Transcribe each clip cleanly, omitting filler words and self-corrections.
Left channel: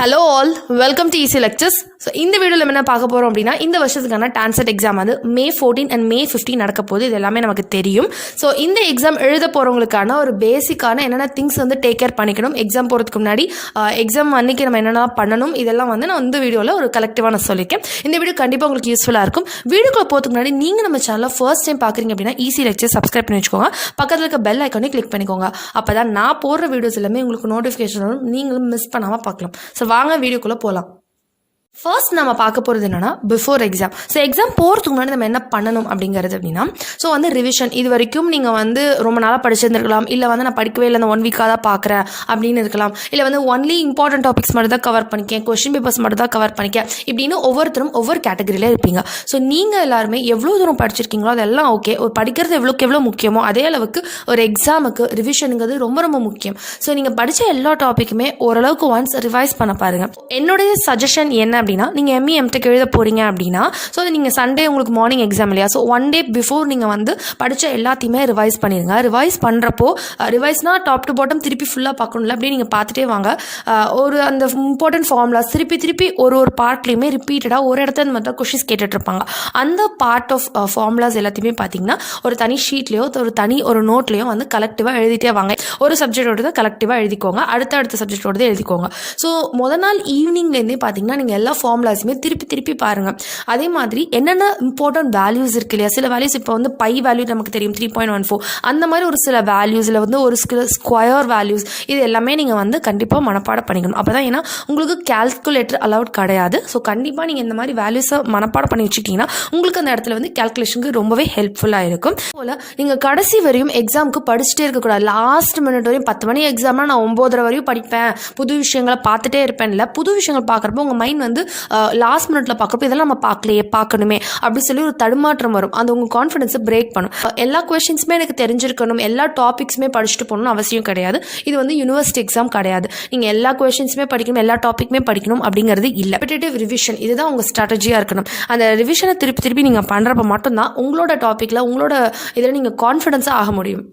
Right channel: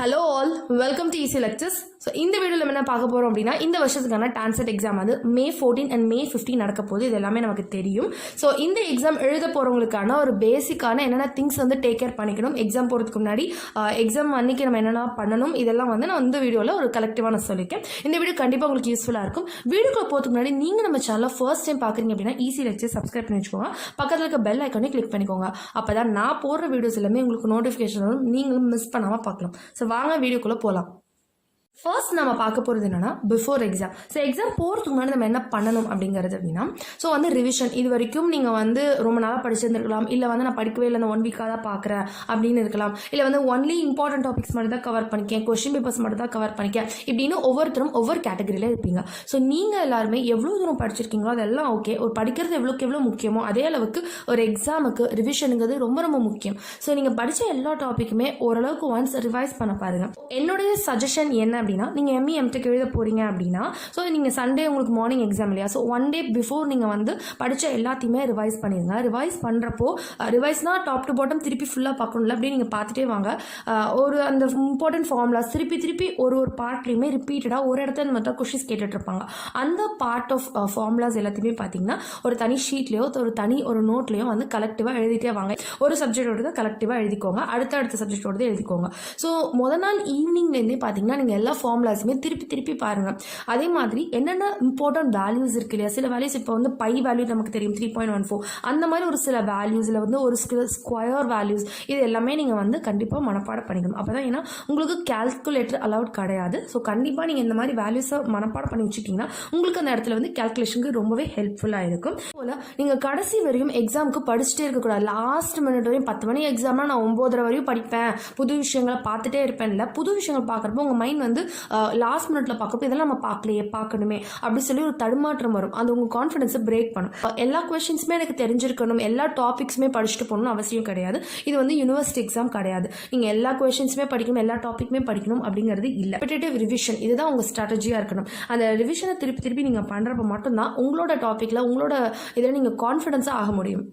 Hello all, welcome to ECE Lectures. So இந்த வீடியோல என்ன பார்க்க போறோம் அப்படினா இந்த வருஷத்துக்கான Tancet எக்ஸாம் வந்து May 14 and May 15 நடக்க போகுது. இது எல்லாமே நமக்கு தெரியும். ஸோ இந்த எக்ஸாம் எழுத போறவங்களுக்கான ஒரு பேசிக்கான என்னென்ன திங்ஸ் வந்து டேக் கேர் பண்ணிக்கணும், எக்ஸாம் போகிறதுக்கு முன்னாடி எக்ஸாம் அன்னைக்கு நம்ம என்னென்ன பண்ணணும், இதெல்லாம் வந்து நான் இந்த வீடியோவில் ஒரு கலெக்டிவாக நான் சொல்லியிருக்கேன். இந்த வீடியோ கண்டிப்பாக உங்களுக்கு யூஸ்ஃபுல்லாக இருக்கும். வீடியோக்குள்ள போகிறதுக்கு முன்னாடி நீங்கள் நம்ம சேனலில் ஃபர்ஸ்ட் டைம் பார்க்குறீங்க அப்படின்னா ECE Lectures சப்ஸ்கிரைப் பண்ணி வச்சுக்கோங்க. பக்கத்தில் இருக்க பெல் ஐக்கானே கிளிக் பண்ணிக்கோங்க. அப்போ தான் நான் போடுற வீடியோஸ் எல்லாமே உங்களுக்கு நோட்டிஃபிகேஷன் வரும், நீங்களும் மிஸ் பண்ணாமல் பார்க்கலாம். ஸோ வாங்க வீடியோக்குள்ளே போகலாம். ஃபர்ஸ்ட் நம்ம பார்க்க போகிறது என்னென்னா பிஃபோர் எக்ஸாம். ஸோ எக்ஸாம் போகிறதுக்கு முன்னாடி நம்ம என்ன பண்ணணும் அப்படிங்கிறது அப்படின்னா, ஸோ வந்து ரிவிஷன். இது வரைக்கும் நீங்கள் வந்து ரொம்ப நாளாக படிச்சிருந்துருக்கலாம், இல்லை வந்து நான் படிக்கவே இல்லை, அந்த 1 வீக்காக தான் பார்க்குறேன் அப்படின்னு இருக்கலாம், இல்லை வந்து ஒன்லி இம்பார்ட்டன்ட் டாபிக்ஸ் மட்டும் தான் கவர் பண்ணிக்கேன், கொஸ்டின் பேப்பர்ஸ் மட்டும் தான் கவர் பண்ணிக்கேன், இப்படின்னு ஒவ்வொருத்தரும் ஒவ்வொரு கேட்டகரியில் இருப்பீங்க. ஸோ நீங்கள் எல்லாருமே எவ்வளோ தூரம் படிச்சிருக்கீங்களோ அதெல்லாம் ஓகே. ஒரு படிக்கிறது எவ்வளோ முக்கியமோ அதே அளவுக்கு ஒரு எக்ஸாமுக்கு ரிவிஷனுங்கிறது ரொம்ப ரொம்ப முக்கியம். ஸோ நீங்கள் படித்த எல்லா டாப்பிக்குமே ஓரளவுக்கு ஒன்ஸ் ரிவைஸ் பண்ண பாருங்கள். என்னுடைய சஜஷன் என்ன அப்படின்னா, நீங்கள் ME MTech எழுத போகிறீங்க அப்படின்னா, ஸோ நீங்கள் சண்டே உங்களுக்கு மார்னிங் எக்ஸாம் இல்லையா, ஸோ 1 day பிஃபோர் நீங்கள் வந்து படித்த எல்லாத்தையுமே ரிவைஸ் பண்ணிடுங்க. ரிவைஸ் பண்ணுறப்போ ரிவைஸ்னால் டாப் டு பாட்டம் திருப்பி ஃபுல்லாக பார்க்கணும்ல, அப்படியே நீங்கள் பார்த்துட்டே வாங்க. ஒரு அந்த இம்பார்ட்டன்ட் ஃபார்முலாஸ் திருப்பி ஒரு பார்ட்லேயுமே ரிப்பீட்டடாக ஒரு இடத்துல இந்த மாதிரி கொஷின்ஸ் கேட்டுட்ருப்பாங்க. அந்த பார்ட் ஆஃப் ஃபார்முலாஸ் எல்லாத்தையுமே பார்த்தீங்கன்னா ஒரு தனி ஷீட்லேயோ ஒரு நோட்லேயோ வந்து கலெக்டிவாக எழுதிட்டே வாங்க. ஒரு சப்ஜெக்டோட கலெக்டிவாக எழுதிக்கோங்க, அடுத்த சப்ஜெக்டோடது எழுதிக்கோங்க. ஸோ முதல் நாள் ஈவினிங்லேருந்தே பார்த்தீங்கன்னா நீங்கள் எல்லா ஃபார்முலாஸுமே திருப்பி பாருங்கள். அதே மாதிரி என்னென்ன இம்பார்ட்டன்ட் வேல்யூஸ் இருக்கு இல்லையா, சில வேல்யூஸ் இப்போ வந்து பை வேல்யூ நமக்கு தெரியும் 3.14, அந்த மாதிரி ஒரு சில வேல்யூஸில் வந்து ஒரு சில ஸ்கொயர் வேல்யூஸ், இது எல்லாமே நீங்கள் வந்து கண்டிப்பாக மனப்பாடம் பண்ணிக்கணும். அப்போ தான், ஏன்னா உங்களுக்கு கால்குலேட்டர் அலவுட் கிடையாது. ஸோ கண்டிப்பாக நீங்கள் இந்த மாதிரி வேல்யூஸை மனப்பாடம் பண்ணி வச்சுக்கிட்டிங்கன்னா உங்களுக்கு அந்த இடத்துல வந்து கால்குலேஷனுக்கு ரொம்பவே ஹெல்ப்ஃபுல்லாக இருக்கும். போல் நீங்கள் கடைசி வரையும் எக்ஸாமுக்கு படிச்சுட்டே இருக்கக்கூடாது. லாஸ்ட் மினிட் வரையும் 10 மணி எக்ஸாம்னா நான் 9:30 வரையும் படிப்பேன், புது விஷயங்களை பார்த்துட்டே இருப்பேன். இல்லை, புது விஷயங்கள் பார்க்குறப்போ உங்கள் மைண்ட் வந்து லாஸ்ட் மினிட்ல பார்க்குறப்போ இதெல்லாம் நம்ம பார்க்கணுமே அப்படி சொல்லி ஒரு தடுமாற்றம் வரும். அது உங்கள் கான்ஃபிடன்ஸை பிரேக் பண்ணும். எல்லா கொஸ்டின்ஸுமே எனக்கு தெரிஞ்சிருக்கணும், எல்லா டாபிக்ஸுமே படிச்சுட்டு போகணும்னு அவசியம் கிடையாது. இது வந்து யூனிவர்சிட்டி எக்ஸாம் கிடையாது. நீங்கள் எல்லா கொஸ்டின்ஸுமே படிக்கணும், எல்லா டாப்பிக்குமே படிக்கணும் அப்படிங்கிறது இல்லை. ரெப்பிட்டேட்டிவ் ரிவிஷன் இதுதான் உங்கள் ஸ்ட்ராட்டஜியாக இருக்கணும். அந்த ரிவிஷனை திருப்பி நீங்கள் பண்ணுறப்ப மட்டும்தான் உங்களோட டாப்பிக்கில் உங்களோட இதில் நீங்கள் கான்ஃபிடன்ஸாக ஆக முடியும்.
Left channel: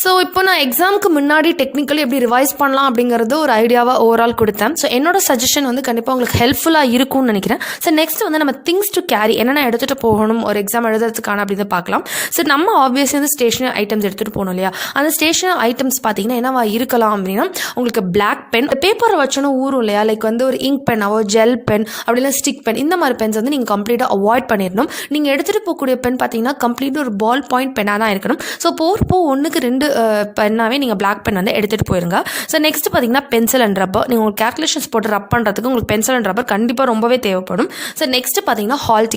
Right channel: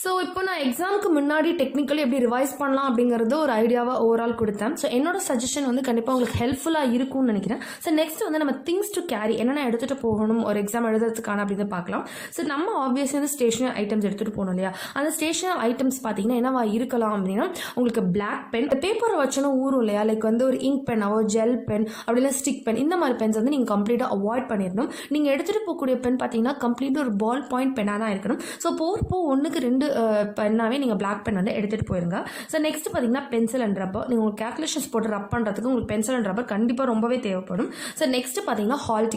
ஸோ இப்போ நான் எக்ஸாமுக்கு முன்னாடி டெக்னிக்கலி எப்படி ரிவைஸ் பண்ணலாம் அப்படிங்கிறது ஒரு ஐடியாவாக ஓவரால் கொடுத்தேன். ஸோ என்னோட சஜஷன் வந்து கண்டிப்பாக உங்களுக்கு ஹெல்ப்ஃபுல்லாக இருக்கும்னு நினைக்கிறேன். ஸோ நெக்ஸ்ட் வந்து நம்ம திங்ஸ் டு கேரி என்னென்ன எடுத்துகிட்டு போகணும் ஒரு எக்ஸாம் எழுதுறதுக்கான அப்படின்னு பார்க்கலாம். ஸோ நம்ம ஆப்வியஸ்லி வந்து ஸ்டேஷனரி ஐட்டம்ஸ் எடுத்துகிட்டு போகணும் இல்லையா. அந்த ஸ்டேஷனரி ஐட்டம்ஸ் பார்த்தீங்கன்னா என்னவா இருக்கலாம் அப்படின்னா, உங்களுக்கு பிளாக் பென், பேப்பரை வச்சோன்னு ஊறும் இல்லையா, லைக் வந்து ஒரு இங்க் பென்னாவோ ஜெல் பென் அப்படின்னா ஸ்டிக் பென், இந்த மாதிரி பென்ஸ் வந்து நீங்கள் கம்ப்ளீட்டாக அவாய்ட் பண்ணிடணும். நீங்கள் எடுத்துகிட்டு போகக்கூடிய பென் பார்த்தீங்கன்னா கம்ப்ளீட்டாக ஒரு பால் பாயிண்ட் பென்னாக தான் இருக்கணும். ஸோ போகிறப்போ 1க்கு 2 பென்னாவே நீங்கள் பிளாக் பென் வந்து எடுத்துகிட்டு போயிருங்க. ஸோ நெக்ஸ்ட் பார்த்தீங்கன்னா பென்சில் அண்ட் ரப்பர். நீங்கள் உங்களுக்கு கேல்குலேஷன்ஸ் போட்டு ரப் பண்ணுறதுக்கு உங்களுக்கு பென்சில் அண்ட் ரப்பர் கண்டிப்பாக ரொம்பவே தேவைப்படும். ஸோ நெக்ஸ்ட் பார்த்தீங்கன்னா ஹால்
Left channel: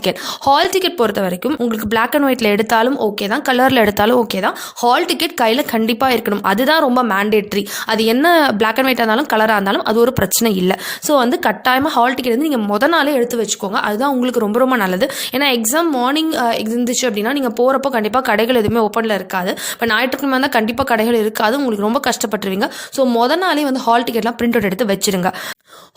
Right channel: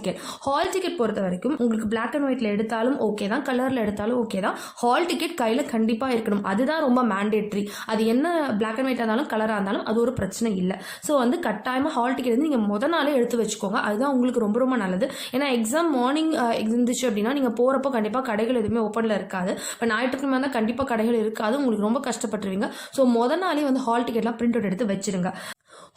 டிக்கெட் பொறுத்த வரைக்கும் உங்களுக்கு பிளாக் அண்ட் ஒயிட்டில் எடுத்தாலும் ஓகே தான், கலரில் எடுத்தாலும் ஓகே தான். ஹால் டிக்கெட் கையில் கண்டிப்பாக இருக்கணும், அதுதான் ரொம்ப மேண்டேட்ரி. அது என்ன பிளாக் அண்ட் ஒயிட்டாக இருந்தாலும் கலராக இருந்தாலும் அது ஒரு பிரச்சனை இல்லை. ஸோ வந்து கட்டாயமாக ஹால் டிக்கெட் வந்து நீங்கள் முத நாளே எடுத்து வச்சுக்கோங்க, அதுதான் உங்களுக்கு ரொம்ப ரொம்ப நல்லது. ஏன்னா எக்ஸாம் மார்னிங் இருந்துச்சு அப்படின்னா நீங்கள் போகிறப்போ கண்டிப்பாக கடைகள் எதுவுமே ஓப்பனில் இருக்காது. இப்போ ஞாயிற்றுக்கிழமை தான் கண்டிப்பாக கடைகள் இருக்காது, உங்களுக்கு ரொம்ப கஷ்டப்பட்டுருவீங்க. ஸோ முதல் நாளே வந்து ஹால் டிக்கெட்லாம் பிரிண்ட் அவுட் எடுத்து வச்சிருங்க.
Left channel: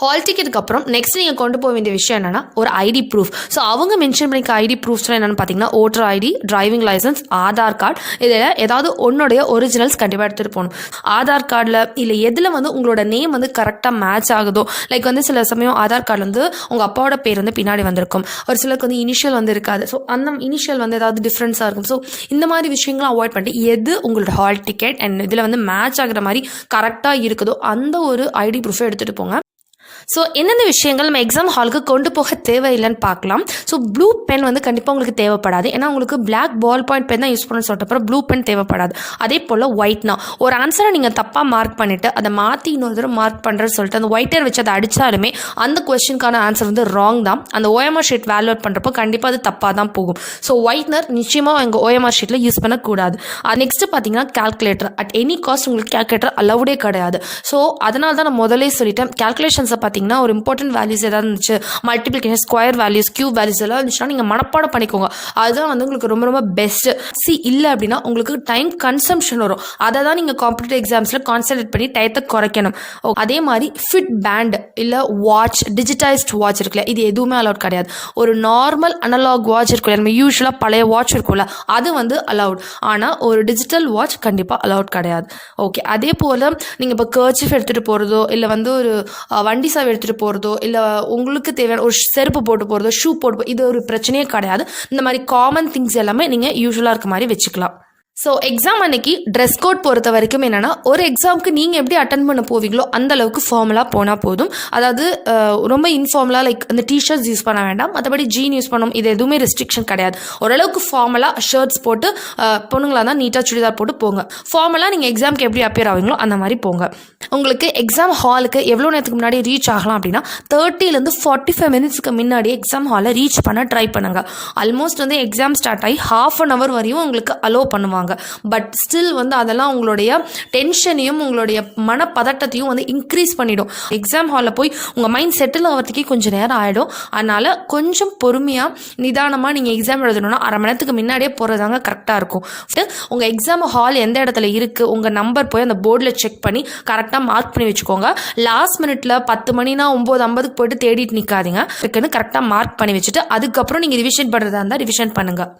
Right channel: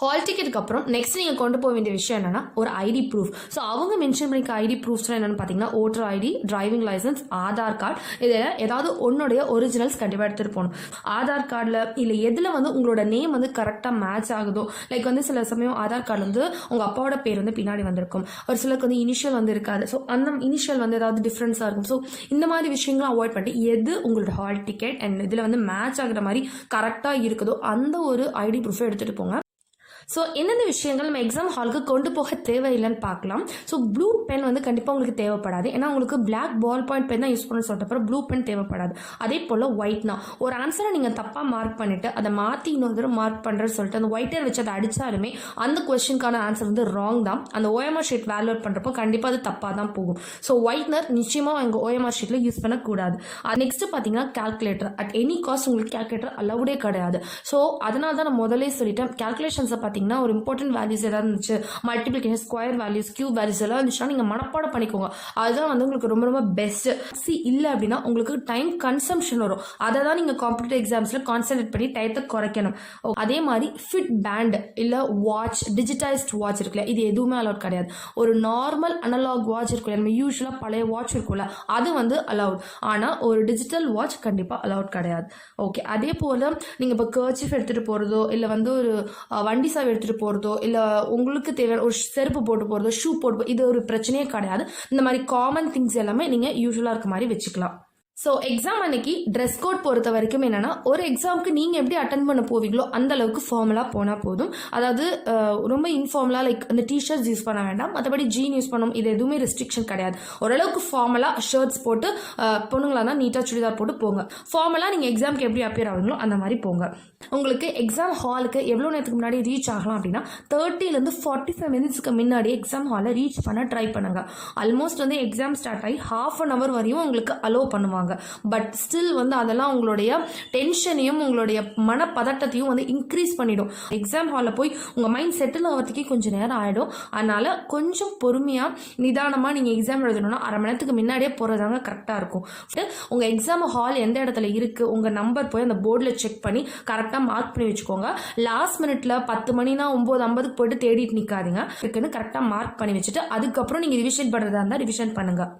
ஹால் டிக்கெட்டுக்கு அப்புறம் நெக்ஸ்ட் நீங்கள் கொண்டு போக வேண்டிய விஷயம் என்னென்னா ஒரு ஐடி ப்ரூஃப். ஸோ அவங்க மென்ஷன் பண்ணிக்க ஐடி ப்ரூஃப்ஸ்லாம் என்னென்னு பார்த்தீங்கன்னா voter ID, driving licence, Aadhaar card, இதில் ஏதாவது ஒன்னுடைய ஒரிஜினல்ஸ் கண்டிப்பாக எடுத்துகிட்டு போகணும். ஆதார் கார்டில் இல்லை எதில் வந்து உங்களோட நேம் வந்து கரெக்டாக மேட்ச் ஆகுதோ, லைக் வந்து சில சமயம் ஆதார் கார்டில் வந்து உங்கள் அப்பாவோட பேர் வந்து பின்னாடி வந்திருக்கும், ஒரு சிலருக்கு வந்து இனிஷியல் வந்து இருக்காது. ஸோ அந்த இனிஷியல் வந்து ஏதாவது டிஃப்ரென்ஸாக இருக்கும். ஸோ இந்த மாதிரி விஷயங்களும் அவாய்ட் பண்ணிட்டு எது உங்களோட ஹால் டிக்கெட் அண்ட் இதில் வந்து மேட்ச் ஆகிற மாதிரி கரெக்டாக இருக்குதோ அந்த ஒரு ஐடி ப்ரூஃபை எடுத்துகிட்டு போங்க. ஸோ எந்தெந்த விஷயங்கள் நம்ம எக்ஸாம் ஹாலுக்கு கொண்டு போக தேவையில்லைன்னு பார்க்கலாம். ஸோ ப்ளூ பென் வந்து கண்டிப்பாக உங்களுக்கு தேவைப்படாது, ஏன்னா உங்களுக்கு பிளாக் பால் பாயிண்ட் பென் தான் யூஸ் பண்ணணும்னு சொல்லிட்டு ப்ளூ பென் தேவைப்படாது. அதே போல் ஒயிட்னா ஒரு ஆன்சரை நீங்கள் தப்பாக மார்க் பண்ணிவிட்டு அதை மாற்றி இன்னொரு தடவை மார்க் பண்ணுறேன்னு சொல்லிட்டு அந்த ஒயிட்டர் வச்சு அதை அடித்தாலுமே அந்த கொஸ்டினுக்கான ஆன்சர் வந்து ராங் தான். அந்த OMR ஷீட் வேல்யூட் பண்ணுறப்போ கண்டிப்பாக அது தப்பாக தான் போகும். ஸோ ஒயிட்னர் நிச்சயமாக எங்கள் OMR ஷீட்டில் யூஸ் பண்ணக்கூடாது. நெக்ஸ்ட்டு பார்த்தீங்கன்னா கால்குலேட்டர். அட் எனி காஸ்ட் உங்களுக்கு கால்குலேட்டர் அலவுடே கிடையாது. ஸோ அதனால தான் நான் முதலே சொல்லிட்டேன், கால்குலேஷன்ஸை பார்த்தீங்கன்னா ஒரு இம்பார்ட்டன்ட் வேல்யூஸ் ஏதாவது இருந்துச்சு, multiplication, square values, cube values எல்லாம் இருந்துச்சுன்னா நீங்கள் மனப்பாடம் பண்ணிக்கோங்க. அதுதான் வந்து உங்களுக்கு ரொம்ப ரொம்ப பெஸ்ட். இல்லை அப்படின்னா உங்களுக்கு டைம் கன்சம்ஷன் வரும். அதை தான் நீங்கள் காம்படிட்டிவ் எக்ஸாம்ஸில் கான்சன்ட்ரேட் பண்ணி டயத்தை குறைக்கணும். அதே மாதிரி ஃபிட் பேண்ட் இல்லை வாட்ச், டிஜிட்டைஸ்ட் வாட்ச் இருக்குல்ல, இது எதுவுமே அலவுட் கிடையாது. ஒரு நார்மல் அனலாக் வாட்ச் இருக்குல்ல, நம்ம யூஸ்வலாக பழைய வாட்ச் இருக்கும்ல, அது வந்து அலவுட். ஆனால் ஒரு டிஜிட்டல் வாட்ச் கண்டிப்பாக அலவுட் கிடையாது. ஓகே, அதே போல் நீங்கள் இப்போ கர்ச்சீஃப் எடுத்துகிட்டு போகிறதோ இல்லை வந்து ஒரு வண்டி சாவி அம்ப்ரெல்லா எடுத்துகிட்டு போகிறதோ இல்லை உங்களுக்கு தேவையான ஒரு செருப்பு போட்டு போகிறதோ ஷூ போட்டு இது ஒரு பிரச்சனையே கிடையாது. இந்த மாதிரி காமன் திங்ஸ் எல்லாமே நீங்கள் யூஸ்வலாக இருக்க மாதிரி வச்சுக்கலாம். ஸோ எக்ஸாம் அன்னைக்கு ட்ரெஸ் கோட் பொறுத்த வரைக்கும் என்னென்னா, ஒரு எக்ஸாமுக்கு நீங்கள் எப்படி அட்டன் பண்ண போவீங்களோ அந்த அளவுக்கு ஃபார்மலாக போனால் போதும். அதாவது ரொம்ப இன்ஃபார்மலாக லைக் இந்த டிஷர்ட்ஸ் யூஸ் பண்ண வேண்டாம், மற்றபடி ஜீன் யூஸ் பண்ணணும், இது எதுவுமே ரெஸ்ட்ரிக்ஷன் கிடையாது. ஓரளவுக்கு ஃபார்மலாக ஷர்ட்ஸ் போட்டு பொண்ணுங்களாக தான் நீட்டாக சுடிதார் போட்டு போங்க. ஃபார்மலாக நீங்கள் எக்ஸாமுக்கு எப்படி அப்பியர் ஆவீங்களோ அந்த மாதிரி போங்க. உங்களுக்கு எக்ஸாம் ஹாலுக்கு எவ்வளோ நேரத்துக்கு முன்னாடி ரீச் ஆகலாம் அப்படின்னா 30 to 45 மினிட்ஸ்க்கு முன்னாடி எக்ஸாம் ஹாலை ரீச் பண்ண ட்ரை பண்ணுங்கள். ஆல்மோஸ்ட் வந்து எக்ஸாம் ஸ்டார்ட் ஆகி ½ an hour வரையும் உங்களுக்கு அலோவ் பண்ணுவாங்க. பட் ஸ்டில் வந்து அதெல்லாம் உங்களுடைய டென்ஷனையும் உங்களுடைய மனப்பதட்டத்தையும் வந்து இன்க்ரீஸ் பண்ணிடும். எக்ஸாம் ஹாலில் போய் உங்கள் மைண்ட் செட்டில் ஆகிறதுக்கே கொஞ்சம் நேரம் ஆகிடும். அதனால் கொஞ்சம் பொறுமையாக நிதானமாக நீங்கள் எக்ஸாம் எழுதணும்னா 1/2 மணி நேரத்துக்கு முன்னாடியே போகிறதாங்க கரெக்டாக இருக்கும். உங்கள் எக்ஸாம் ஹால் எந்த இடத்துல இருக்குது, உங்கள் நம்பர் போய் அந்த போர்டில் செக் பண்ணி கரெக்டாக மார்க் பண்ணி வச்சுக்கோங்க. லாஸ்ட் மினிட்ல 10 மணினா 9:50 போயிட்டு தேடிட்டு நிற்காதீங்க. இருக்குன்னு கரெக்டாக மார்க் பண்ணி வச்சுட்டு அதுக்கப்புறம் நீங்கள் ரிவிஷன் பண்ணுறதா இருந்தால் ரிவிஷன் பண்ணுங்கள்.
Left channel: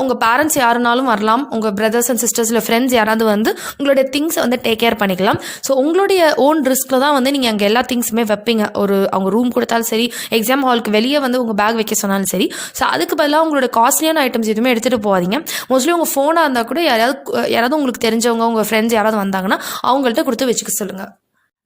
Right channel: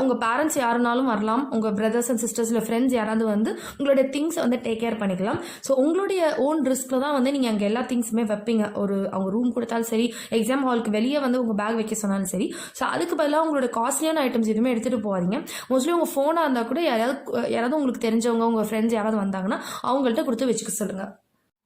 உங்கள் பேரண்ட்ஸ் யாருனாலும் வரலாம், உங்கள் பிரதர்ஸ் அண்ட் சிஸ்டர்ஸ் இல்லை ஃப்ரெண்ட்ஸ் யாராவது வந்து உங்களுடைய திங்ஸை வந்து டேக் கேர் பண்ணிக்கலாம். ஸோ உங்களுடைய ஓன் ரிஸ்கில் தான் வந்து நீங்கள் அங்கே எல்லா திங்ஸுமே வைப்பீங்க. அவங்க ரூம் கொடுத்தாலும் சரி, எக்ஸாம் ஹாலுக்கு வெளியே வந்து உங்கள் பேக் வைக்க சொன்னாலும் சரி. ஸோ அதுக்கு பதிலாக உங்களோட காஸ்ட்லியான ஐட்டம்ஸ் எதுவுமே எடுத்துகிட்டு போகாதீங்க. மோஸ்ட்லி உங்கள் ஃபோனாக இருந்தால் கூட யாராவது உங்களுக்கு தெரிஞ்சவங்க, உங்கள் ஃப்ரெண்ட்ஸ் யாராவது வந்தாங்கன்னா அவங்கள்ட்ட கொடுத்து வச்சுக்க சொல்லுங்கள்.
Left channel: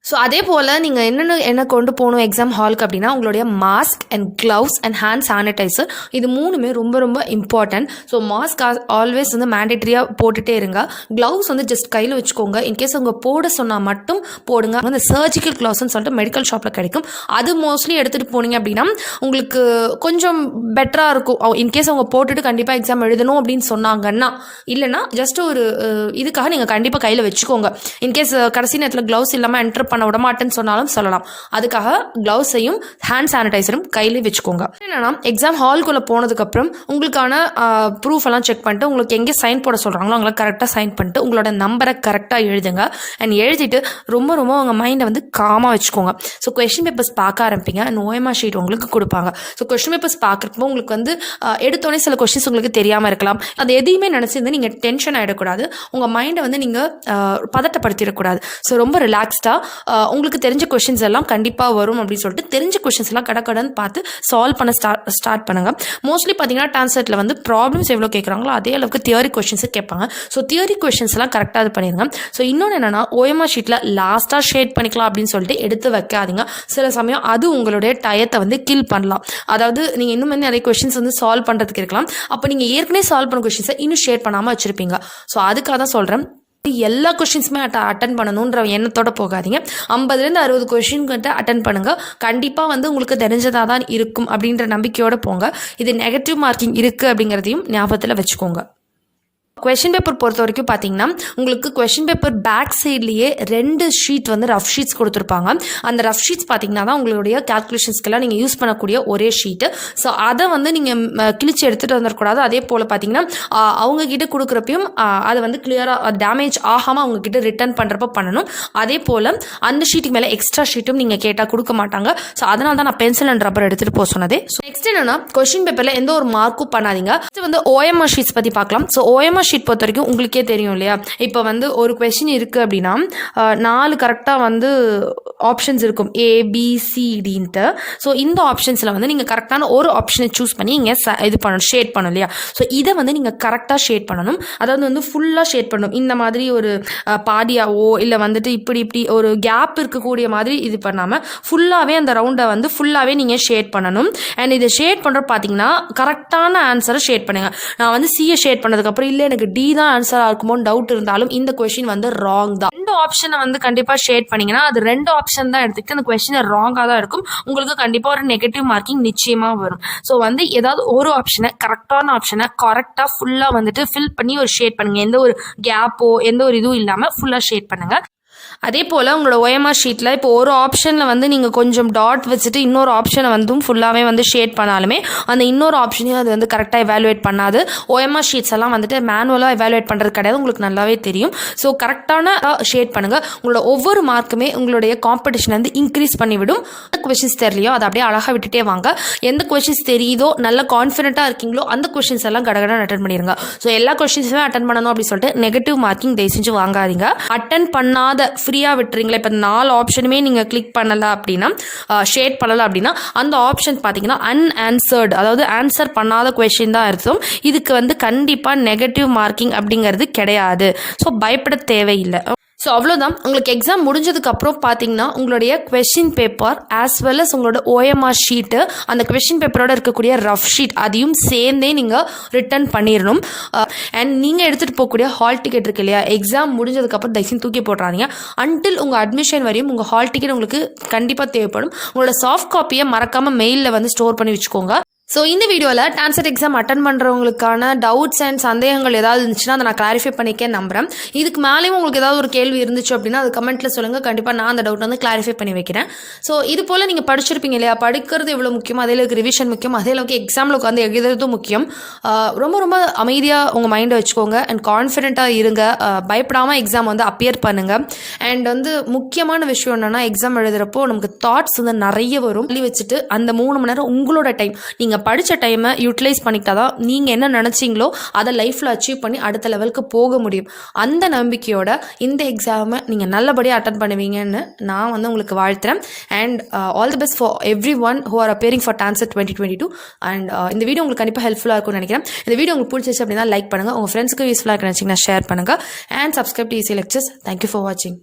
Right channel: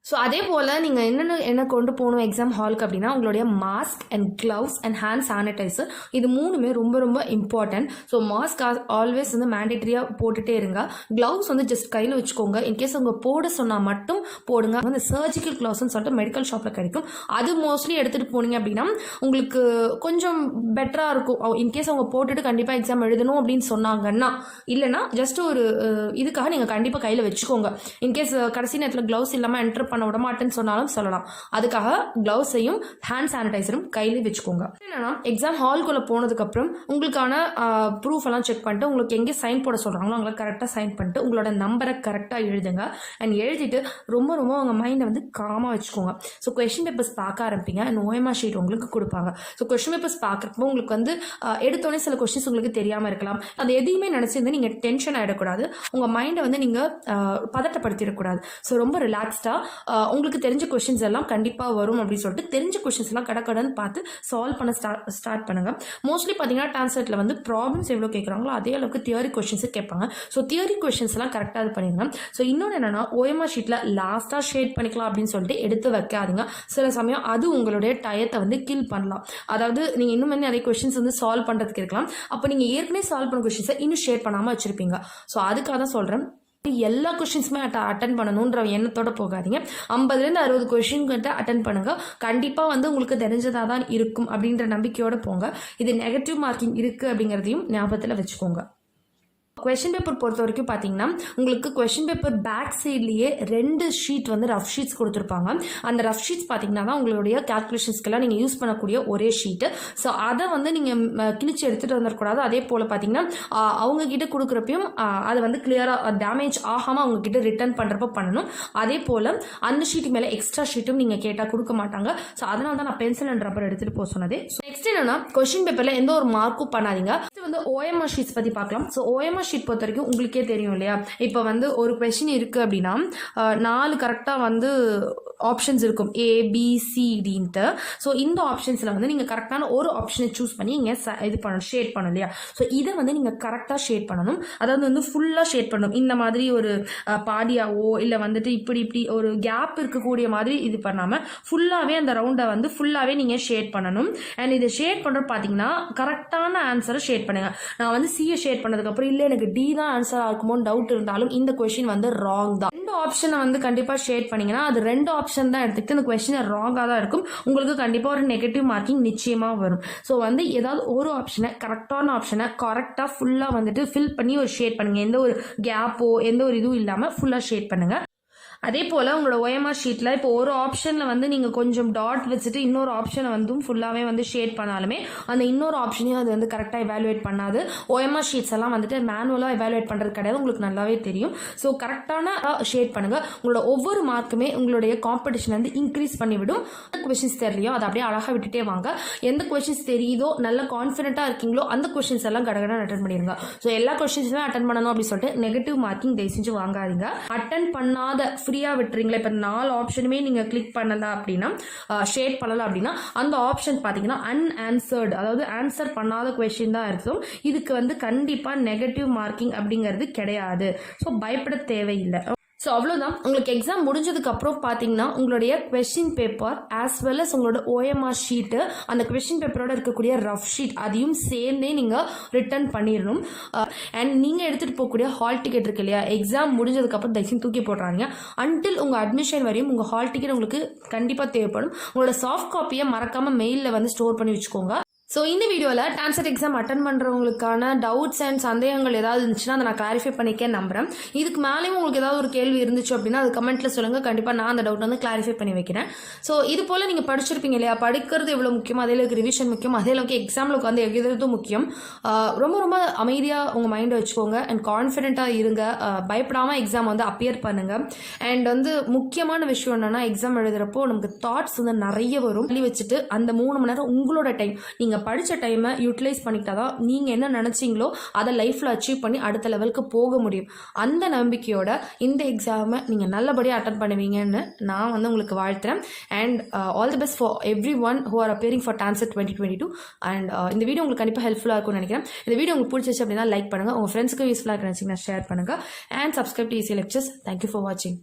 ஸோ அதே போல் நீங்கள் என்ன கொண்டு போகணும் எக்ஸாம் ஹாலுக்கு அப்படின்னா, உங்களுடைய mask and gloves and hand sanitizer, இது 3மே ரொம்ப ரொம்ப இம்பார்ட்டன்ட். ஸோ மாஸ்க் ஆல்வேஸ் வந்து மேண்டேட்ரியாக போட்டுகிட்டே இருங்க. க்ளவுஸ் வந்து ஜஸ்ட் கையில் வச்சுக்கோங்க. இன்கேஸ் அவங்க போட சொன்னால் மட்டும் போடுங்க. அந்த சர்ஜிக்கல் க்ளவுஸ்ன்னு சொல்லிட்டு மெடிக்கல் ஷாப்பில் கிடைக்கும். அது மோஸ்ட்லி எடுத்துகிட்டு போனீங்க அப்படின்னா உங்களுக்கு கொஞ்சம் பெட்டராக இருக்கும். இன்கேஸ் அவங்க போட்டுட்டு கண்டிப்பாக எக்ஸாம் எழுதணும் அப்படின்னு சொன்னாங்கன்னா, இல்லைனா ஜஸ்ட் ஒரு இதுக்காக நீங்கள் கண்டிப்பாக கையில் வச்சுக்கோங்க. இன்கேஸ் கடைசி நேரத்தில் க்ளவுஸ் இல்லாமல் என்டர் பண்ண விட மாட்டேன்னு சொன்னாலும் சொல்லலாம். அதுக்காக க்ளவுஸையும் ஹேண்ட் சானிடைசரும் கையிலே வச்சுக்கோங்க. என்னன்னா, எக்ஸாம் ஹால்குள்ளே போனதுக்கப்புறம் உங்களுக்கான ப்ரூஃப் எல்லாம் செக் பண்ணிட்டு உங்களுக்கு எங்கே சைன் போட சொல்கிறாங்களோ அவங்கள கரெக்டாக சைன் பண்ணிட்டு உங்களோட நம்பரை கரெக்டாக எழுதுங்க. அண்ட் எழுதிட்டு ரொம்ப ரொம்ப உங்கள் மைண்டை வந்து காமாக வச்சுக்கோங்க. ஸோ கொஸ்டின் பேப்பர்ஸ் பார்க்க ஆரம்பிங்க. அண்ட் OMR ஷீட் உங்களுக்கு கொடுப்பாங்க. ஸோ கொஸ்டின் பேப்பர்ஸ் பார்க்குறப்போ உங்களுக்கு வந்து எடுத்தோடனே சில கொஸ்டின்ஸ் உங்களுக்கு தெரியாமல் இருக்கலாம். அது எதையுமே நினச்சிருந்து நீங்கள் டென்ஷன் ஆகிடக்கூடாது. உங்கள் மைண்டை வந்து நீங்கள் பதட்டப்படுத்திடக்கூடாது. ஸோ ரொம்ப ரிலாக்ஸ்டாக உங்களுக்கு தெரிஞ்ச கொஷின்ஸ் எல்லாம் கண்டிப்பாக வரும் அப்படின்னு சொல்லிட்டு தெரிஞ்ச கொஷின்ஸ் எல்லாம் கடக்கடன்னு பார்த்து சால்வ் பண்ண ஸ்டார்ட் பண்ணுங்கள். மோஸ்ட்லி பார்த்தீங்கன்னா டான்செட்டில் வந்து ப்ராப்ளம்ஸ் எவ்வளோ கேட்குறாங்களோ அதே அளவுக்கு தியரி கொஷின்ஸு கேட்பாங்க. ஸோ தியரி கொஷின்ஸ் எல்லாம் கரெக்டாக இது பண்ணிடுங்க. ஸோ இன்னொன்று என்னென்னா, OMR ஷீட்டில் லாஸ்ட்டாக ஷேட் பண்ணிக்கலாம் அப்படின்னு சொல்லிட்டு எடுத்து வைக்காதீங்க. சில சமயம் அது உங்களுடைய டயத்தை வந்து கில் பண்ணலாம். அதாவது நீங்கள் இன்னும் நிறைய கொஷின்ஸ் வந்து சால்வ் பண்ணுறதுக்கு இருக்கலாம். அப்போ நீங்கள் ஏற்கனவே சால்வ் பண்ண கொஷின்ஸை இன்னும் ஷேட் பண்ணாமல் வச்சுருப்பீங்க. ஸோ அதுக்காக தான் சொல்கிறேன், எல்லா கொஷின்ஸுமே அட்டன் பண்ணணுன்ற எண்ணத்தோட போகாதீங்க. 50-60 கொஷின் கிட்ட அட்டன் பண்ணுங்க. கண்டிப்பாக வந்து உங்களுக்கு தெரிஞ்சதாக தான் இருக்கும் அப்படின்ற நம்பிக்கையோடு போங்க. இது நெகட்டிவ் மார்க்கிங் இருக்குது அப்படிங்கிறதையும் ஞாபகத்தில் வச்சுக்கோங்க. கொஷின் பேப்பர் பொறுத்த வரைக்கும் பார்த்தீங்கன்னா, உங்களுக்கு கொஷின் பேப்பர் பேக் சைட்லேயே 2 ஷீட் வந்து ரஃப் ஷீட்ஸ் கொடுத்துருப்பாங்க. அந்த ரஃப் ஷீட்ஸ் பார்த்தீங்கன்னா தான் உங்களுடைய கேல்குலேஷன்ஸ்க்கெல்லாம் நீங்கள் யூஸ் பண்ணக்கூடிய ஒரே ஷீட்டு. ஸோ அதை வந்து நீங்கள் கிழிச்சு எடுத்துகிட்டு வந்துடக்கூடாது. அதே போல் பார்த்தீங்கன்னா, அவங்கக்கிட்ட கொடுக்குறப்பையும் அதை வந்து கிளியராக டேமேஜ் ஆகாமல் அவங்கக்கிட்ட ரிட்டர்ன் பண்ணுறப்ப பண்ணணும். அதே போல் அந்த ஷீட்டுக்கு மேலே எக்ஸ்ட்ரா ஷீட்டும் நீங்கள் கேட்டால் கொடுக்க மாட்டாங்க. ஸோ அதனால தான் நான் பென்சில் அண்ட் ரப்பர் எடுத்துகிட்டு போக சொன்னதே. ஸோ நெக்ஸ்ட் என்னென்னா, கொஷின் பேப்பரில் எந்த ஒரு மார்க்கும் பண்ணாதீங்க. நெக்ஸ்ட் வந்து OMR ஷீட்ஸ் பற்றி பார்க்கலாம். ஸோ OMR ஷீட் பொறுத்த வரைக்கும் உங்களுக்கே தெரியும் இல்லையா, இப்போ வந்து ஒரு கொஸ்டின் இருக்குது அப்படின்னா 4 கரெக்டாக வந்து ஆப்ஷன்ஸ் இருக்கும், ABCDன்ட்டு. ஸோ இந்த ஆப்ஷன்ஸில் வந்து நீங்கள் கரெக்டான ஒரு ஆப்ஷனை சூஸ் பண்ணி இங்கே இது பண்ணணும், ஷேட் பண்ணணும் இல்லையா. ஸோ இதை வந்து நீங்கள் கரெக்டாக ஷேட் பண்ணணும். அதாவது வந்து ஃபுல்லாக ஷேட் பண்ணணும். இந்த மாதிரி ஒரு பாதியாவோ இல்லை வந்துட்டு இப்படி ஒரு கேப் இருக்கக்கூடிய மாதிரி இது பண்ணாமல் ஃபுல்லாகவே அந்த ரவுண்டை வந்து ஃபுல்லாகவே நீங்கள் ஷேட் பண்ணணும். அண்ட் இதை ஷேட் பண்ணுற பார்த்தீங்கன்னா கரெக்டான ஆன்சரை ஷேட் பண்ணுங்கள். நான் வந்து சியை ஷேட் பண்ணதுக்கப்புறம் இல்லை எனக்கு D தான் ஆன்சராக இருக்குமோன்னு டவுட் இருந்தாலும் இந்த கொஸ்டின் வந்து ராங் தான். 2 ஆப்ஷனை வந்து கண்டிப்பாக ஷேட் பண்ணிங்கன்னா அது 2 ஆப்ஷன் தான் எடுத்துக்கிட்டு அந்த கொஸ்டின் ராங்காக தான் இருக்கும். உங்களுக்கு கண்டிப்பாக ஒரு நெகட்டிவ் மார்க்கிங் நிச்சயமாக வரும். ஸோ வந்து ஏதாவது ஒரு ஆப்ஷனை கரெக்டான ஆப்ஷனை கரெக்டாக ஃபுல்லாக வந்துட்டு ஃபில் பண்ணி ஒரு ஷேட் பண்ணுங்கள். எந்த ஒரு கேப்போ எந்த ஒரு இதுவும் இல்லாமல் ஃபுல்லாக ஷேட் பண்ணுங்கள். அதே போல் உங்களோட OMR ஷீட்டில் இப்போ ஒரு ஆப்ஷனில் வந்து நீங்கள் கொஞ்சம் டாட் வச்சுட்டு இன்னொரு ஆப்ஷனை வந்து ஃபுல்லாகவே வந்து ஷேட் பண்ணாலுமே அந்த இன்னொரு ஆப்ஷனையும் அது வந்து கரெக்டாக எவாலுவேட் பண்ணாது. OMR ஷீட்ஸ் எல்லாம் வந்துட்டு மேனுவலாக எவாலுவேட் பண்ணுறது கிடையாது, உங்களுக்கு நல்லாவே தெரியும். ஸோ கரெக்டான ஷேட் பண்ணுங்கள். உங்களோட ஒவ்வொரு மார்க்குமே உங்களுடைய காம்படிஷன் வந்து இன்க்ரீஸ் பண்ணிவிடும். எந்த கொஷின்ஸ் தெரியலையோ அதை அப்படியே அழகாக விட்டுட்டே வாங்க. எந்த கொஷின்ஸ் தெரியுதோ நல்ல கான்ஃபிடென்ட்டாக இருக்கீங்களோ அந்த கொஷின்ஸ் எல்லாம் கடகடன் அட்டன் பண்ணிடுங்க. ஸோ எல்லா கொஷின்ஸுமே அட்டன் பண்ணணும் அப்படின்னு சொல்லிட்டு நெகட்டிவ் மார்க்கிங் தயவு செஞ்சு வாங்காதீங்க. அட்டன் பண்ணாத ஃப்ரீயாக விட்டுறீங்களா, இப்போ 4 ஆப்ஷனுமே நீங்கள் கிளிக் பண்ணலை அப்படின்னா, ஷேட் பண்ணலை அப்படின்னா அந்த ஆப்ஷன் பார்த்தீங்கன்னா அன்ஆன்சர்டு, அதாவது ஆன்சர் பண்ணாத கொஷின் தான் அர்த்தம். இதுக்கு வந்து கண்டிப்பாக நெகட்டிவ் மார்க்கிங் அப்படிங்கிறது கிடையாது. ஸோ பயப்பட தேவையில்லை. ஸோ அவ்வளோதான். உங்களுக்கு எக்ஸாம் முடிஞ்சதுக்கப்புறம் பார்த்தீங்கன்னா உங்களுடைய question paper as well as உங்களோட OMR ஷீட்டு, அந்த கொஷின் பேப்பரோட இருக்கக்கூடிய ரஃப் ஷீட் அதையும் சேர்ந்தே நீங்கள் ரிட்டர்ன் பண்ணிடணும். அண்ட் நீங்கள் எடுத்துகிட்டு போகக்கூடிய ஹால் டிக்கெட் இருக்கு இல்லையா, எக்ஸாம் முடிஞ்சதுக்கப்புறம் தயவுசெய்து தூக்கி போட்டுறாதீங்க. அன்டில் உங்கள் அட்மிஷன் வரையும் உங்கள் ஹால் டிக்கெட் உங்களுக்கு கண்டிப்பாக தேவைப்படும். உங்களோட சாஃப்ட் காப்பியை மறக்காமல் மெயிலில் வந்து ஸ்டோர் பண்ணி வச்சுக்கோங்க. ஸோ இந்த வீடியோவில் டான்செட் எக்ஸாம் அட்டன் பண்ணுறவங்களுக்கான டவுட்ஸ் அண்ட் சந்தேகங்கள் ஏதாவது இருந்துச்சுன்னா அதை நான் கிளாரிஃபை பண்ணிக்க நம்புகிறேன். இதுக்கு மேலேயும் உங்களுக்கு ஏதாவது ஒரு கேள்வி இருந்துச்சு அப்படின்னா அது கமெண்ட்டில் சொல்லுங்கள். கண்டிப்பாக நான் அந்த டவுட் வந்து கிளாரிஃபை பண்ணி வைக்கிறேன். ஸோ இது போல் நீங்கள் படிச்சிருப்பீங்க இல்லையா, படிக்கிறது எவ்வளோ முக்கியம், அதே அளவுக்கு ரிவிஷன் முக்கியம், அதே அளவுக்கு எக்ஸாமில் உட்காந்து எழுதுறதும் முக்கியம். ரொம்ப ரொம்ப அமைதியாக உங்கள் மைண்டை வச்சுக்கோங்க அண்ட் கான்ஃபிடென்ட்டாக இருங்க. பயப்படாமல் எக்ஸாம் வந்து அப்பியர் பண்ணுங்கள். அண்ட் வந்து முக்கியமான விஷயம் என்னென்னா, எக்ஸாம் எழுதுகிறப்போ நமக்கு தாட்ஸ் வந்து நிறைய வரும். வச்சுட்டு அந்த 3 மணி நேரம் உங்களோட டைம், நீங்கள் படித்த டைமை யூட்டிலைஸ் பண்ணிக்கிட்டா தான் நீங்கள் என்ன நினச்சிங்களோ அதை லைஃப்பில் அச்சீவ் பண்ணி அடுத்த லெவலுக்கு போக முடியும். அந்த நம்பிக்கையோட இந்த எக்ஸாமை நீங்கள் நல்லபடியாக அட்டன் பண்ணுவீங்கன்னு நான் வந்து உங்களுக்கு வாழ்த்துறேன். And all the best for everyone who are appearing for TANCET 2022. And இந்த வீடியோ உங்களுக்கு கண்டிப்பாக ஹெல்ப்ஃபுல்லாக இருக்கும்னு நினைக்கிறேன். இந்த வீடியோ உங்களுக்கு பிடிச்சிச்சு அப்படின்னா லைக் பண்ணுங்கள், உங்கள் ஃப்ரெண்ட்ஸுக்கு யூஸ்ஃபுல்லாக நினச்சிங்கன்னா ஷேர் பண்ணுங்கள் and subscribe to ECE Lectures. Thank you for வாட்சிங்.